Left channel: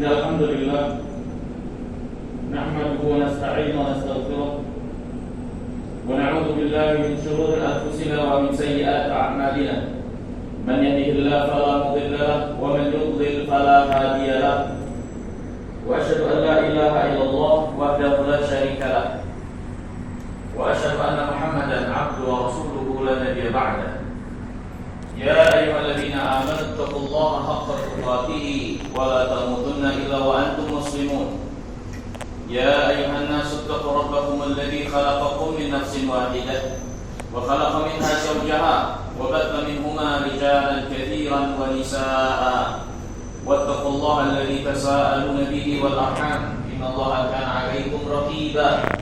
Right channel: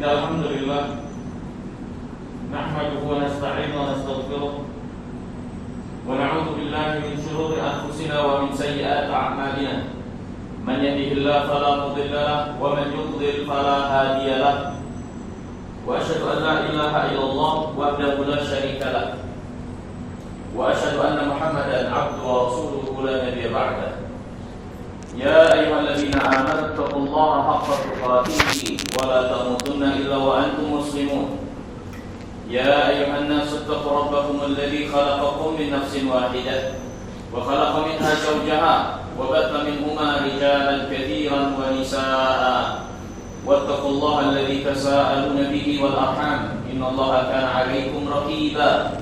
Alhamdulillah nahmaduhu wa nasta'inu wa nastaghfiruh wa na'udzu billahi min shururi anfusina wa min sayyiati a'malina. Man yahdihillahu fala mudilla lahu wa man yudlil fala hadiya lahu. Wa asyhadu an la ilaha illallah wahdahu la syarika lahu wa asyhadu anna Muhammadan 'abduhu wa rasuluhu la nabiyya ba'dahu. Ya ayyuhalladzina amanu taqullaha haqqa tuqatih wa la tamutunna illa wa antum muslimun. Ya ayyuhan nasu taqu rabbakum alladzi khalaqakum min nafsin wahidah wa khalaqa minha zawjaha wa batha minhuma rijalan katsiran wa nisaa'a. Wattaqullaha alladzi tasaaluna bihi wal arham innallaha kana 'alaykum raqiba.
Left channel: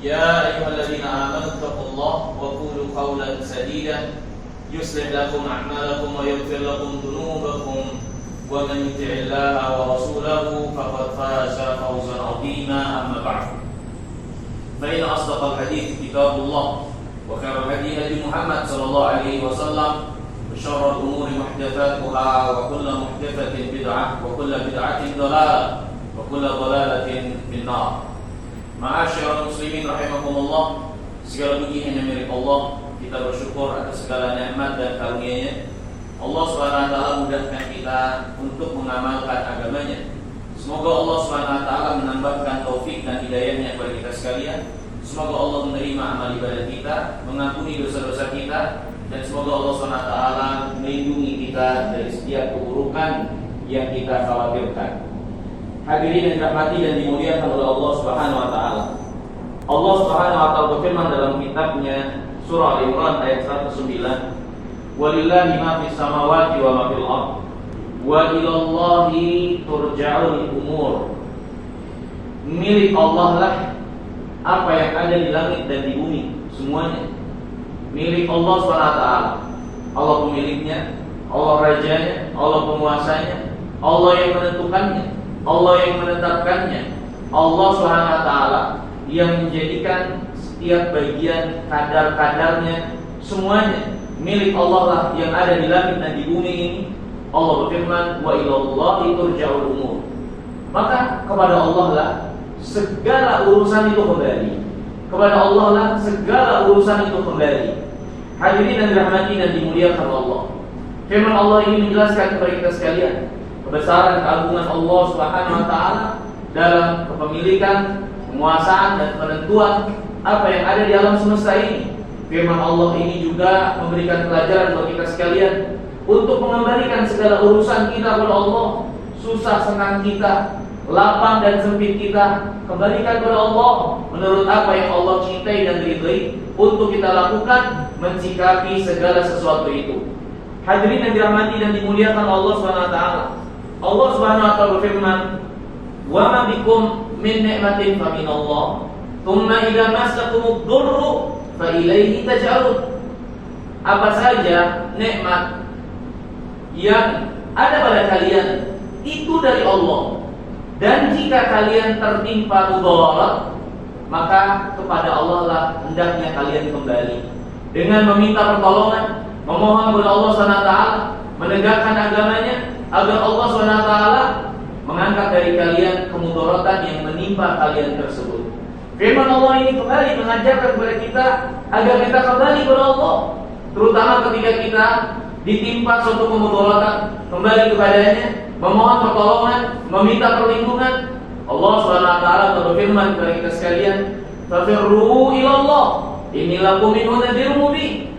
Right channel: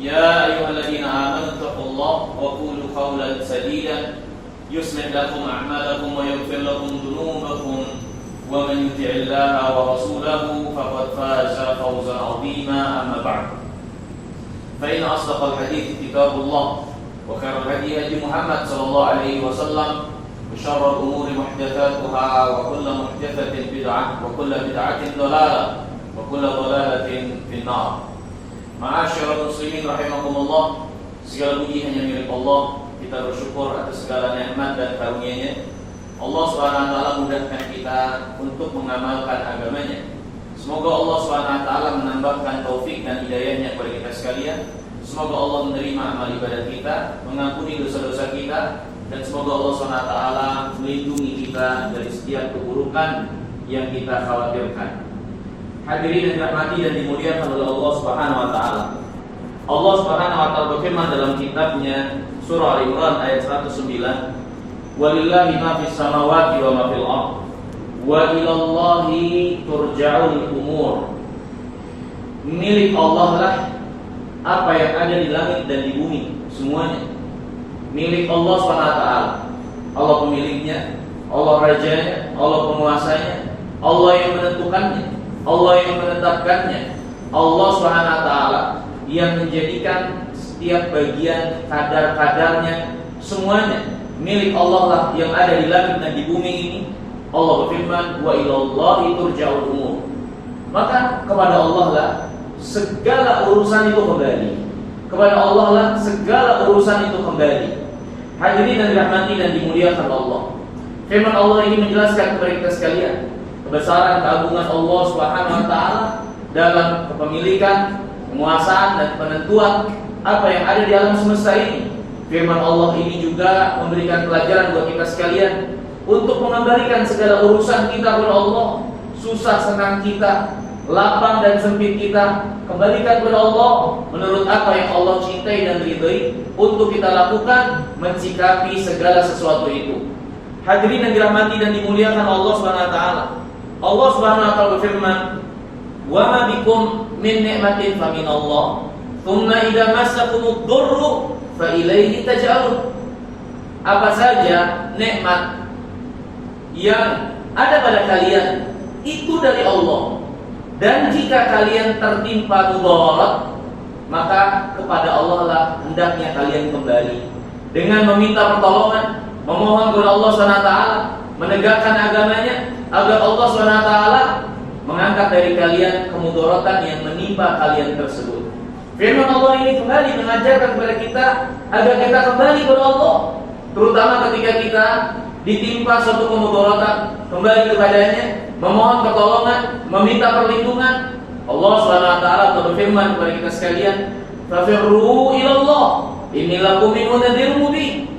Ya ayyuhalladzina amanu taqullaha wa qulu qawlan sadida yuslih lakum a'malakum wa yaghfir lakum dhunubakum wa man yuti'illaha wa rasulahu faqad faza fawzan 'azima. Amma ba'd. Fa inna asdaqal hadits kitabullah wa khairal hadi Muhammad sallallahu alaihi wasallam wa syarrul umuri muhdatsatuha wa kullu muhdatsatin bid'ah wa kullu bid'atin dhalalah wa kullu dhalalatin fin-nar. Ma'asyiral muslimin rahimakumullah, segala puji hanya milik Allah. Kita bersyukur atas segala nikmat dan karunia-Nya. Allah Subhanahu wa taala mudahkan kita untuk mengamalkan agamanya. Semoga Allah Subhanahu wa taala menambahkan taufik dan hidayah-Nya kepada kita sekalian. Semoga Allah menerima amal ibadah kita, mengampuni dosa-dosa kita, dan semoga Allah Subhanahu wa taala melindungi kita dari setiap keburukan yang kita khawatirkan. Hadirin yang dirahmati dan dimuliakan oleh Allah Subhanahu wa taala. Allah Subhanahu wa taala berfirman dalam kitabnya Surah Al-Imran ayat 109, walillahi ma fis samawati wa ma fil ardh wa ilallahi turja'ul umur. Milik Allah lah apa yang ada di langit dan di bumi, semuanya milik Allah SWT. Allah pemiliknya, Allah rajanya, Allah penguasanya, Allah yang menentukannya, Allah yang menetapkannya, Allah SWT yang menjadikan setiap bagian kadar-kadarnya, semuanya milik Allah lah yang ada di langit dan di bumi ini. Allah berfirman, wa ilallahi turja'ul umur. Maka kepada Allah lah segala urusan itu kembali. Kepada Allah lah segala urusan itu kembali. Hadirin yang dirahmati dan dimuliakan Allah, firman Allah ini menjelaskan kepada kita sekalian kebesaran keagungan Allah Subhanahu wa taala dalam kepemilikan, penguasaan dan penentuan apa yang ada di alam semesta ini. Firman Allah ini juga memberikan pelajaran buat kita sekalian untuk mengembalikan segala urusan kita kepada Allah. Susah senang kita, lapang dan sempit kita, kembalikan kepada Allah menurut apa yang Allah cintai dan ridhai untuk kita lakukan, mensikapi segala sesuatu itu. Hadirin yang dirahmati dan dimuliakan Allah Subhanahu wa taala. Allah Subhanahu wa taala berfirman, "Wa ma bikum min ni'matin fa min Allah. Tsumma idza massakumud durru fa ilaihi taj'alun." Apa saja nikmat yang ada pada kalian itu dari Allah, dan jika kalian tertimpa mudarat, maka kepada Allah lah hendaknya kalian kembali dengan meminta pertolongan, memohon kepada Allah SWT, menegakkan agamanya agar Allah SWT mengangkat dari kalian kemudaratan yang menimpa kalian tersebut. Firman Allah ini kembali mengajarkan kepada kita agar kita kembali kepada Allah, terutama ketika kita ditimpa suatu kemudaratan, kembali kepadanya, memohon pertolongan, meminta perlindungan. Allah SWT berfirman kepada kita sekalian, "Fafirru ilallah, inni lakum minhu nadhirun mubin."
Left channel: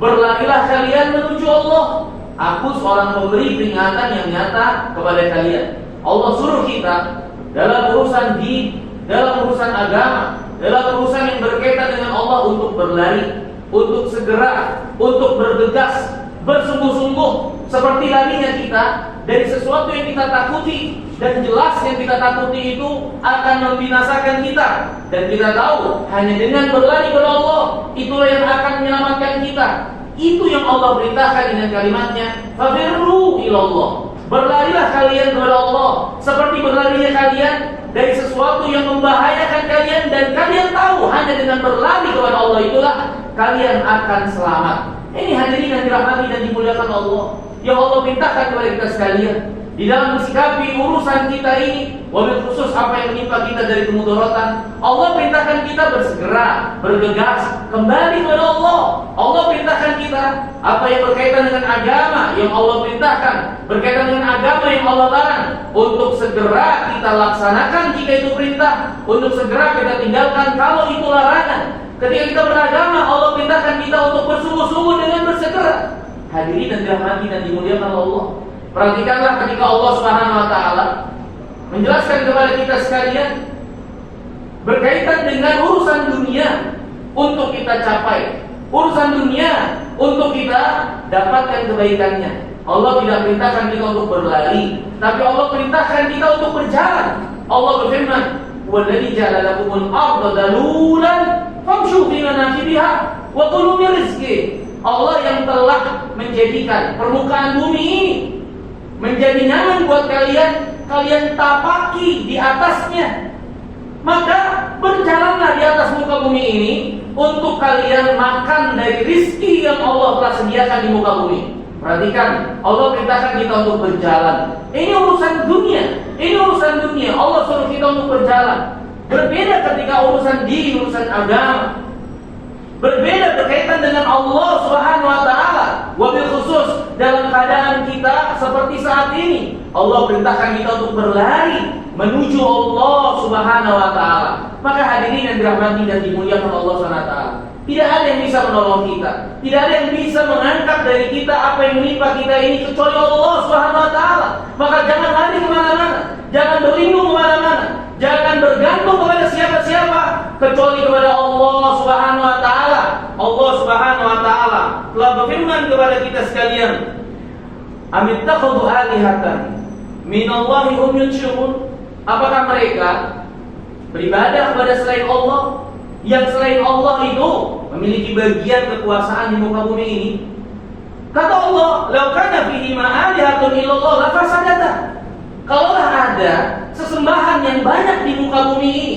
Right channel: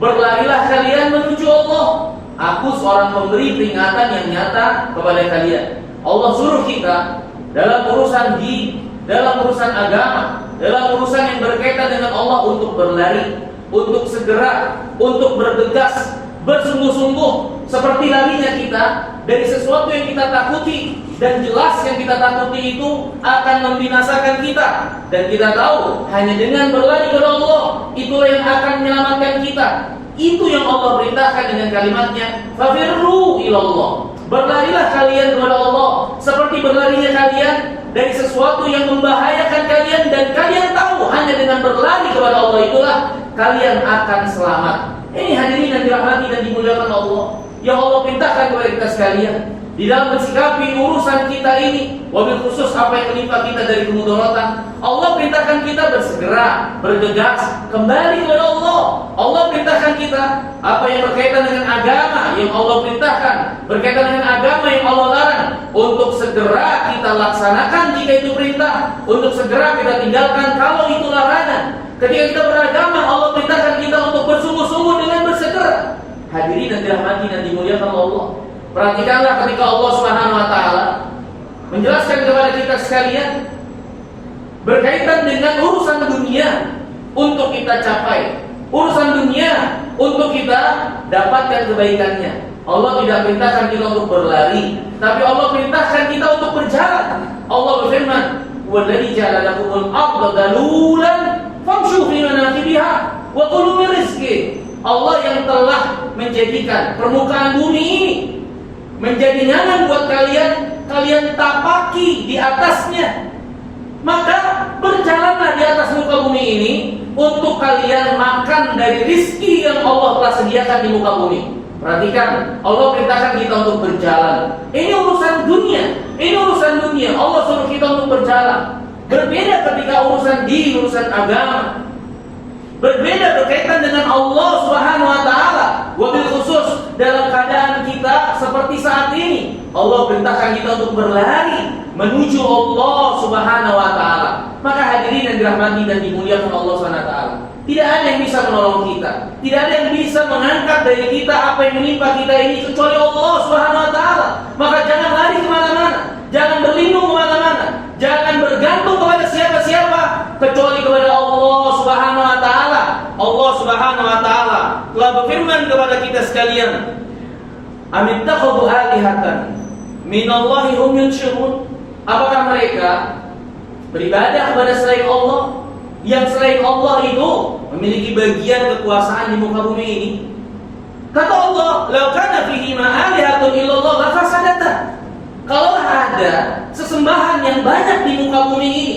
Berlarilah kalian menuju Allah. Aku seorang pemberi peringatan yang nyata kepada kalian. Allah suruh kita dalam urusan din, dalam urusan agama, dalam urusan yang berkaitan dengan Allah untuk berlari, untuk segera, untuk bergegas, bersungguh-sungguh, seperti larinya kita dari sesuatu yang kita takuti, dan jelas yang kita takuti itu akan membinasakan kita, dan kita tahu hanya dengan berlari kepada Allah itulah yang akan menyelamatkan kita. Itu yang Allah perintahkan dengan kalimatnya, fafirru ilallah. Berlarilah kalian kepada Allah seperti berlarinya kalian dari sesuatu yang membahayakan kalian, dan kalian tahu hanya dengan berlari kepada Allah itulah kalian akan selamat. Ini hadirin yang dirahmati dan dimuliakan Allah, yang Allah perintahkan kepada kita sekalian. di dalam mensikapi urusan kita ini, wabil khusus apa yang menimpa kita dari kemudaratan. Allah perintahkan kita bersegera, bergegas kembali kepada Allah. Allah perintahkan kita apa yang berkaitan dengan agama yang Allah perintahkan, berkaitan dengan agama yang Allah larang, untuk segera kita laksanakan jika itu perintah, untuk segera kita tinggalkan kalau itu larangan. Ketika kita beragama, Allah perintahkan kita untuk bersungguh-sungguh dengan bersegera. Hadirin dan dirahmati dan dimuliakan Allah. Perhatikanlah ketika Allah Subhanahu wa taala menjelaskan kepada kita sekalian berkaitan dengan urusan dunia untuk kita capai, urusan dunia untuk kita dapatkan kebaikannya. Allah tidak perintahkan kita untuk berlari, tapi Allah perintahkan kita untuk berjalan. Allah berfirman, "Walladzi ja'ala lakumul arda dalulan famshu fi manakibiha wa kulu min rizqi." Allah yang telah menjadikan permukaan bumi ini menjadi nyaman buat kalian, kalian tapaki di atasnya. Maka berjalanlah di atas muka bumi ini untuk kalian makan dari rizki yang Allah telah sediakan di muka bumi. Perhatikan, Allah perintahkan kita untuk berjalan. Ini urusan dunia, ini urusan dunia. Allah suruh kita untuk berjalan. Berbeda ketika urusan dini, urusan agama. Berbeda berkaitan dengan Allah Subhanahu wa taala. Wabil khusus dalam keadaan kita seperti saat ini, Allah perintahkan kita untuk berlari menuju Allah Subhanahu wa taala. Maka hadirin yang dirahmati dan dimuliakan Allah Subhanahu wa taala, tidak ada yang bisa menolong kita, tidak ada yang bisa mengangkat dari kita apa yang menimpa kita ini kecuali Allah Subhanahu wa taala. Maka jangan lari kemana-mana, jangan berlindung kemana-mana, jangan bergantung kepada siapa-siapa kecuali kepada Allah Subhanahu wa taala. Allah Subhanahu wa taala telah berfirman kepada kita sekalian, "Amittakhadhu alihatan minallahi hum yunsyirun." Apakah mereka beribadah kepada selain Allah, yang selain Allah itu memiliki bagian kekuasaan di muka bumi ini? Kata Allah, "Law kana fihi ma alihatun illallah la fasadata." Kalaulah ada sesembahan yang banyak di muka bumi ini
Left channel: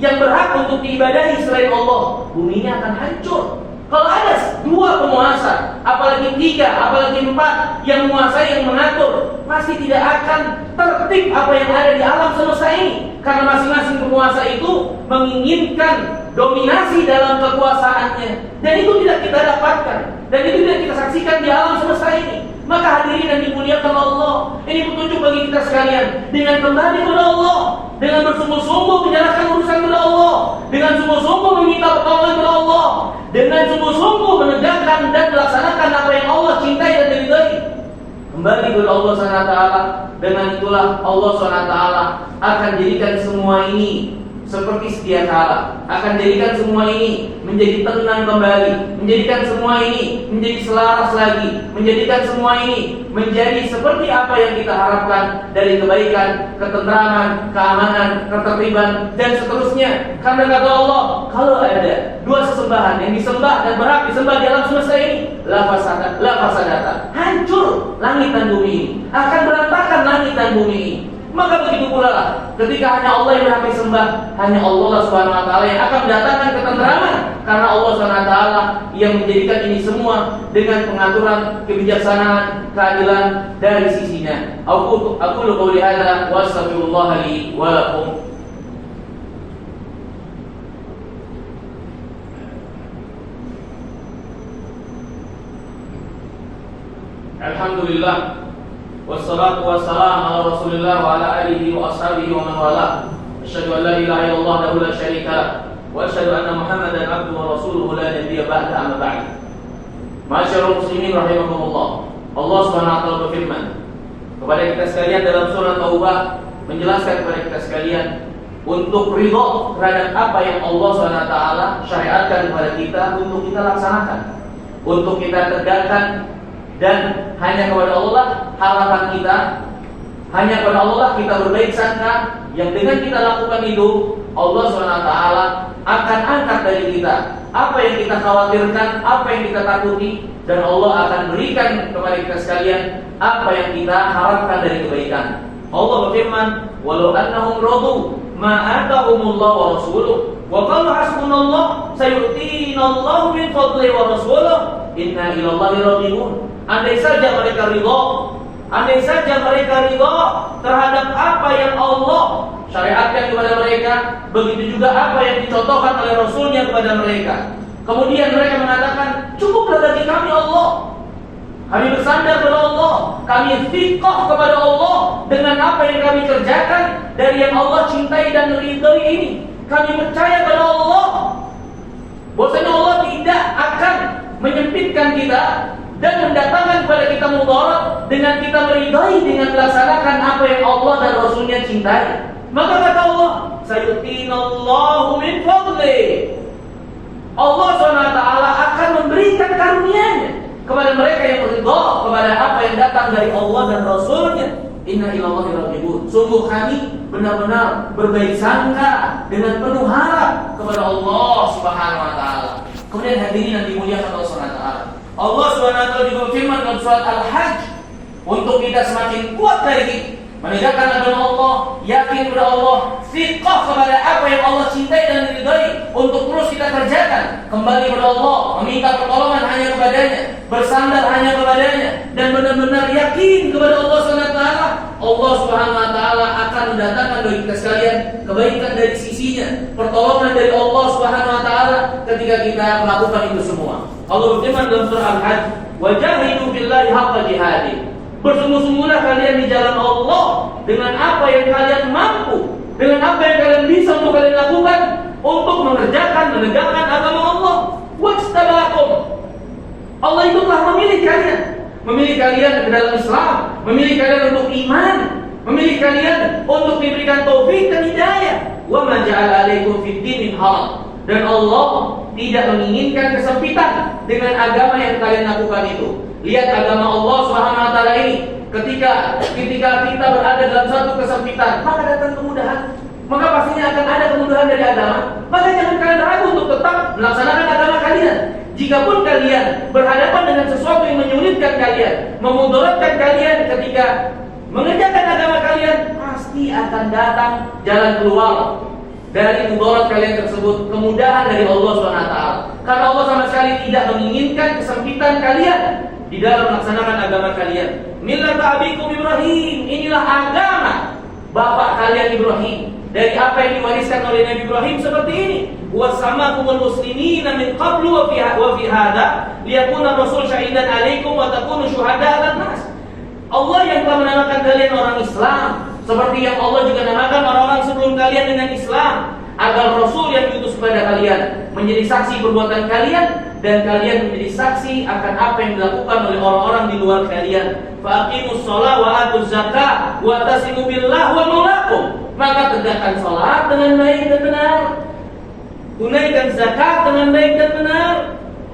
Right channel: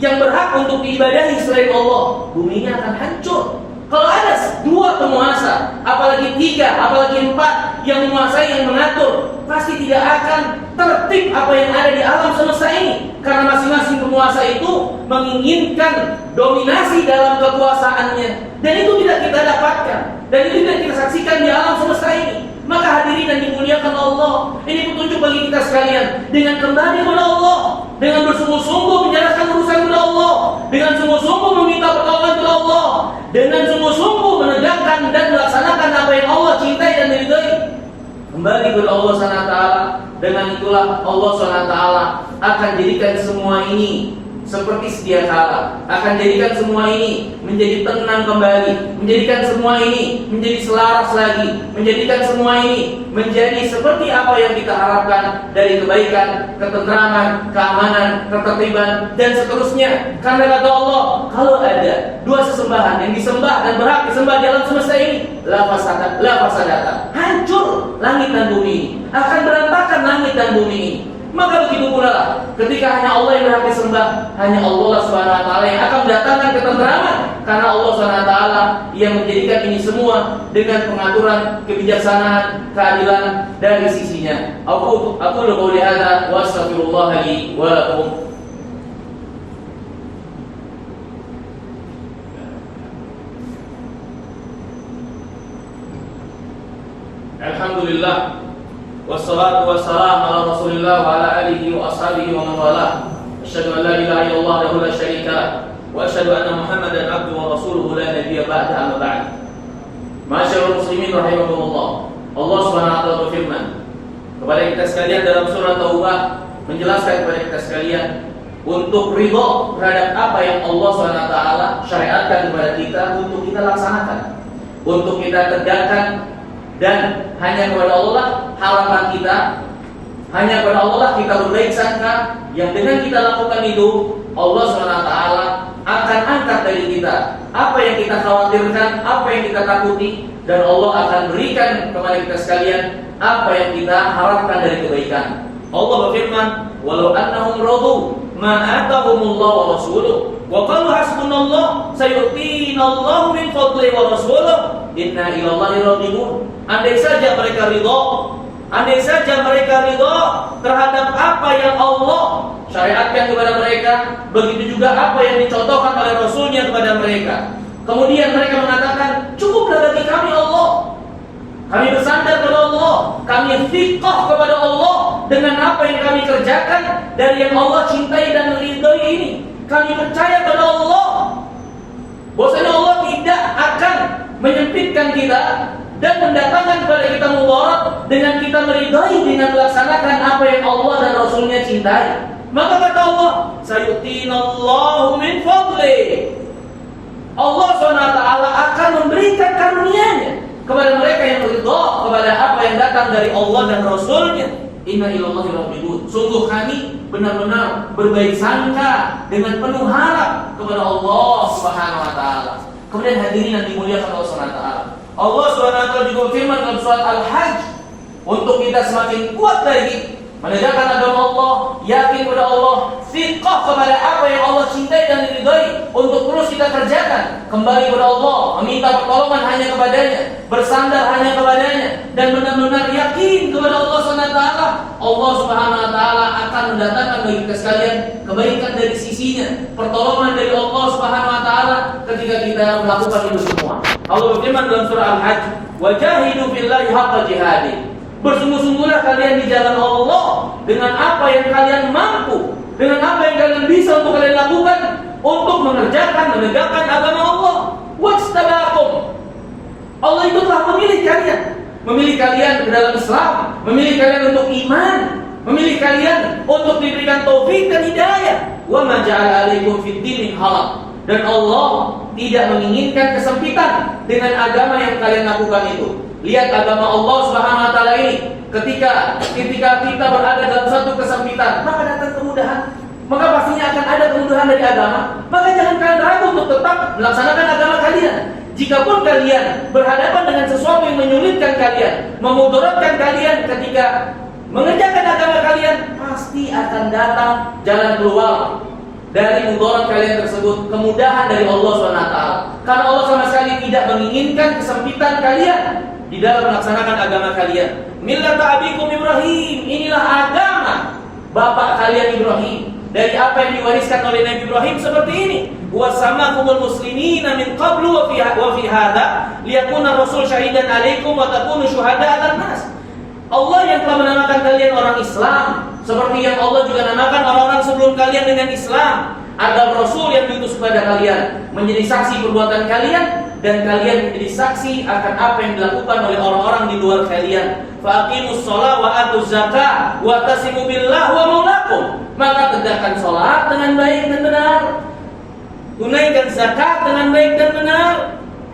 yang berhak untuk diibadahi selain Allah, buminya akan hancur. Kalau ada dua penguasa, apalagi tiga, apalagi empat yang menguasai, yang mengatur, pasti tidak akan tertib apa yang ada di alam semesta ini. Karena masing-masing penguasa itu menginginkan dominasi dalam kekuasaannya, dan itu tidak kita dapatkan, dan itu tidak kita saksikan di alam semesta ini. Maka hadirin dan dimuliakan Allah, ini petunjuk bagi kita sekalian, dengan kembali kepada Allah, dengan bersungguh-sungguh menjalankan urusan kepada Allah, dengan sungguh-sungguh meminta pertolongan kepada Allah, dengan sungguh-sungguh menegakkan dan melaksanakan apa yang Allah cintai dan diridhai, kembali kepada Allah SWT. Dengan itulah Allah SWT akan jadikan semua ini seperti sedia kala, akan jadikan semua ini menjadi tenang kembali, menjadikan semua ini menjadi selaras lagi, menjadikan semua ini menjadi seperti apa yang kita harapkan dari kebaikan, ketentraman, keamanan, ketertiban, dan seterusnya. Karena kata Allah, kalau ada dua sesembahan yang disembah dan berhak disembah di alam semesta ini, la fasadata, hancur langit dan bumi ini, akan berantakan langit dan bumi ini. Maka begitu pula lah, ketika hanya Allah yang berhak disembah, hanya Allah Subhanahu wa taala yang akan mendatangkan ketentraman, karena Allah Subhanahu wa taala yang menjadikan ini semua dengan pengaturan, kebijaksanaan, keadilan dari sisinya. Aku qouli hadza wa astaghfirullah li wa lakum. Alhamdulillah, wassalatu wassalamu ala Rasulillah wa ala alihi wa ashabihi wa man walah. Asyhadu an la ilaha illallah wahdahu la syarika lah, wa asyhadu anna Muhammadan abduhu wa rasuluhu la nabiyya ba'da, amma ba'd. Masyaallah muslimin rahimakumullah. Allah Subhanahu wa taala berfirman kepada kita sekalian dalam surah Taubah, menjelaskan kepada kita sekalian untuk ridha terhadap apa yang Allah Subhanahu wa taala syariatkan kepada kita untuk kita laksanakan, untuk kita tegakkan. Dan hanya kepada Allah harapan kita, hanya kepada Allah kita berbaik sangka, yang dengan kita lakukan itu Allah SWT akan angkat dari kita apa yang kita khawatirkan, apa yang kita takuti, dan Allah akan berikan kepada kita sekalian apa yang kita harapkan dari kebaikan. Allah berfirman, walau annahum radu ma atahumullah wa rasuluh wa qalu hasbunallah sayu'tinallahu min fadlihi wa rasuluh inna ilallahi raghibun. Andai saja mereka ridha, andai saja mereka ridha terhadap apa yang Allah syariatkan kepada mereka, begitu juga apa yang dicontohkan oleh Rasulnya kepada mereka. Kemudian mereka mengatakan, cukuplah bagi kami Allah. Kami bersandar kepada Allah, kami thiqah kepada Allah dengan apa yang kami kerjakan dari yang Allah cintai dan ridhai ini. Kami percaya kepada Allah, bahwasanya Allah tidak akan menyempitkan kita dan mendatangkan kepada kita mudarat dengan kita meridhai dengan melaksanakan apa yang Allah dan Rasulnya cintai. Maka kata Allah, sayu'tinallahu min fadli. Allah SWT akan memberikan karunia-Nya kepada mereka yang ridha kepada apa yang datang dari Allah dan Rasulnya. Inna ilallahi raghibun. Sungguh kami benar-benar berbaik sangka dengan penuh harap kepada Allah Subhanahu wa taala. Kemudian hadirin yang dimuliakan Allah Subhanahu wa taala. Allah Subhanahu wa taala juga berfirman dalam surat Al-Hajj untuk kita semakin kuat lagi menegakkan agama Allah, yakin kepada Allah, thiqah kepada apa yang Allah cintai dan ridhai untuk terus kita kerjakan, kembali kepada Allah, meminta pertolongan hanya kepadanya, bersandar hanya kepadanya, dan benar-benar yakin kepada Allah SWT. Allah Subhanahu wa taala akan mendatangkan bagi kita sekalian kebaikan dari sisinya, pertolongan dari Allah Subhanahu wa taala ketika kita melakukan itu semua. Allah berfirman dalam surah Al-Hajj, "Wajahidu billahi haqqa jihadi." Bersungguh-sungguhlah kalian di jalan Allah dengan apa yang kalian mampu, dengan apa yang kalian bisa untuk kalian lakukan untuk mengerjakan, menegakkan agama Allah. Wajtabakum. Allah itu telah memilih kalian ke dalam Islam, memilih kalian untuk iman, memilih kalian untuk diberikan taufik dan hidayah. Wa ma ja'ala 'alaikum fid din min haraj. Dan Allah tidak menginginkan kesempitan dengan agama yang kalian lakukan itu. Lihat agama Allah Subhanahu wa taala ini, ketika kita berada dalam suatu kesempitan, maka datang kemudahan. Maka pastinya akan ada kemudahan dari agama. Maka jangan kalian ragu untuk tetap melaksanakan agama kalian. Jikapun kalian berhadapan dengan sesuatu yang menyulitkan kalian, memudaratkan kalian ketika mengerjakan agama kalian, pasti akan datang jalan keluar dari mudarat kalian tersebut, kemudahan dari Allah SWT. Karena Allah sama sekali tidak menginginkan kesempitan kalian di dalam melaksanakan agama kalian. Millata abikum Ibrahim, inilah agama bapak kalian Ibrahim. Dari apa yang diwariskan oleh Nabi Ibrahim seperti ini. Wa samakumul muslimina min qablu wa fi hadha liyakuna rasul syahidan 'alaikum wa takunu syuhada 'alan nas. Allah yang telah menamakan kalian orang Islam, seperti yang Allah juga namakan orang-orang sebelum kalian dengan Islam, agar Rasul yang diutus kepada kalian menjadi saksi perbuatan kalian, dan kalian menjadi saksi akan apa yang dilakukan oleh orang-orang di luar kalian. Faqimus shalah wa atuz zakah wa tasimu billah wa maulakum. Maka tegakkan salat dengan baik dan benar, tunaikan zakat dengan baik dan benar.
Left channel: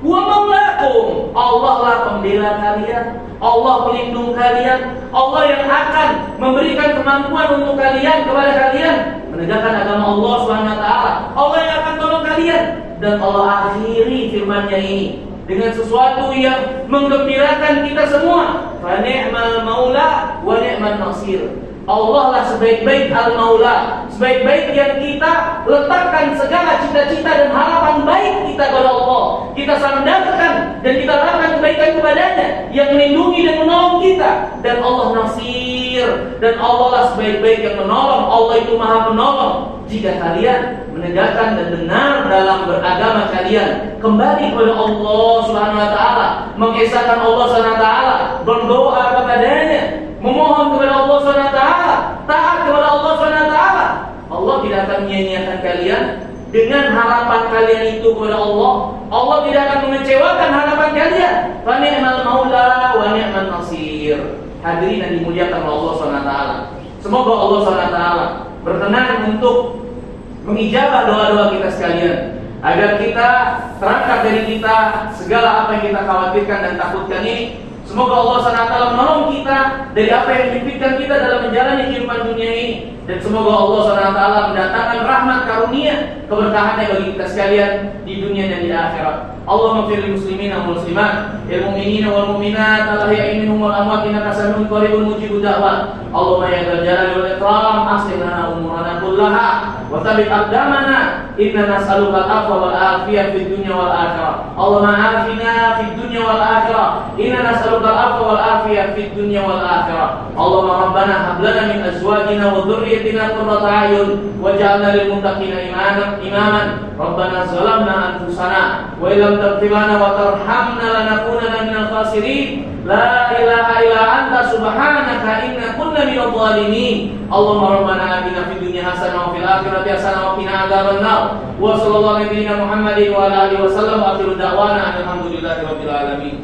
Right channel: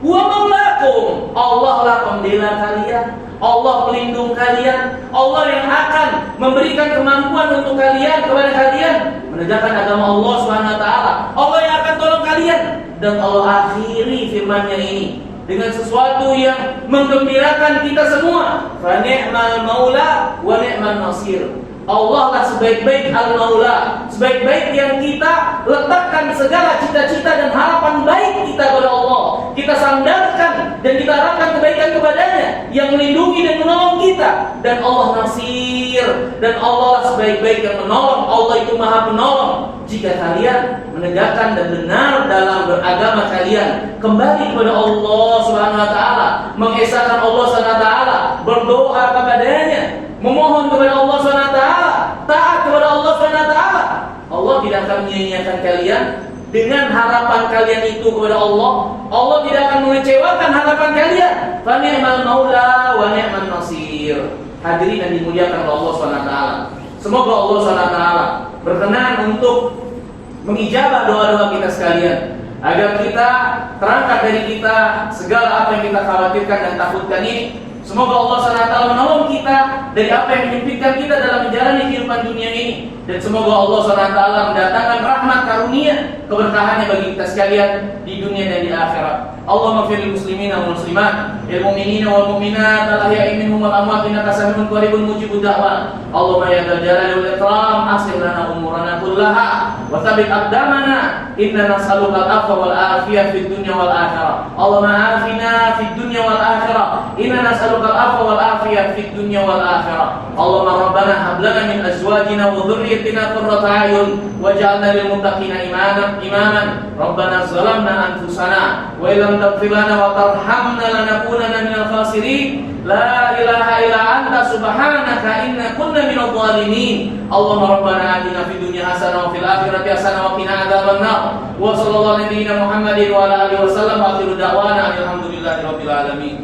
Wa maulakum, Allah lah pembela kalian, Allah pelindung kalian, Allah yang akan memberikan kemampuan untuk kalian, kepada kalian menegakkan agama Allah Subhanahu wa taala. Allah yang akan tolong kalian. Dan Allah akhiri firman-Nya ini dengan sesuatu yang menggembirakan kita semua. Fa ni'mal maula wa ni'man nasir. Allah lah sebaik-baik al-maula, sebaik-baik yang kita letakkan segala cita-cita dan harapan baik kita kepada Allah. Kita sandarkan dan kita harapkan kebaikan kepadanya yang melindungi dan menolong kita. Dan Allah nasir, dan Allah lah sebaik-baik yang menolong. Allah itu maha penolong. Jika kalian menegakkan dan benar dalam beragama kalian, kembali kepada Allah Subhanahu wa taala, mengesahkan Allah Subhanahu wa taala, berdoa kepadanya, memohon kepada Allah Subhanahu wa taala, taat kepada Allah Subhanahu wa taala, Allah tidak akan menyia-nyiakan kalian dengan harapan kalian itu kepada Allah. Allah tidak akan mengecewakan harapan kalian. Fa ni'mal maula wa ni'man nasir. Hadirin yang dimuliakan oleh Allah Subhanahu wa taala. Semoga Allah Subhanahu wa taala berkenan untuk mengijabah doa-doa kita sekalian, agar kita terangkat dari kita segala apa yang kita khawatirkan dan takutkan ini. Semoga Allah SWT menolong kita dari apa yang menyempitkan kita dalam menjalani kehidupan dunia ini. Dan semoga Allah SWT mendatangkan rahmat karunia keberkahannya bagi kita sekalian di dunia dan di akhirat. Allahumma fir lil muslimina wal muslimat, lil mu'minina wal mu'minat, al ahya'i minhum wal amwat, innaka sami'un qaribun mujibud da'wat. Allahumma ya dzal jalali wal ikram, aslih lana umurana kullaha wa tsabbit aqdamana, inna nas'aluka al-'afwa wal afiyah fid dunya wal akhirah. Allahumma afina fid dunya wal akhirah, inna nas'aluka al-'afwa wal afiyah fid dunya wal akhirah. Allahumma rabbana hab lana min azwajina wa dhurriyyatina qurrata a'yun waj'alna lil muttaqina imaman. Rabbana zalamna anfusana wa illam taghfir lana wa tarhamna lanakunanna minal khasirin. La ilaha illa anta subhanaka inna kunna minadh dhalimin. Allahumma rabbana atina fid dunya hasanah wa fil akhirati hasanah wa qina adzabannar. Wa sallallahu alaihi wa Muhammadin wa ala alihi wa sallam wa akhiru da'wana alhamdulillahi rabbil alamin.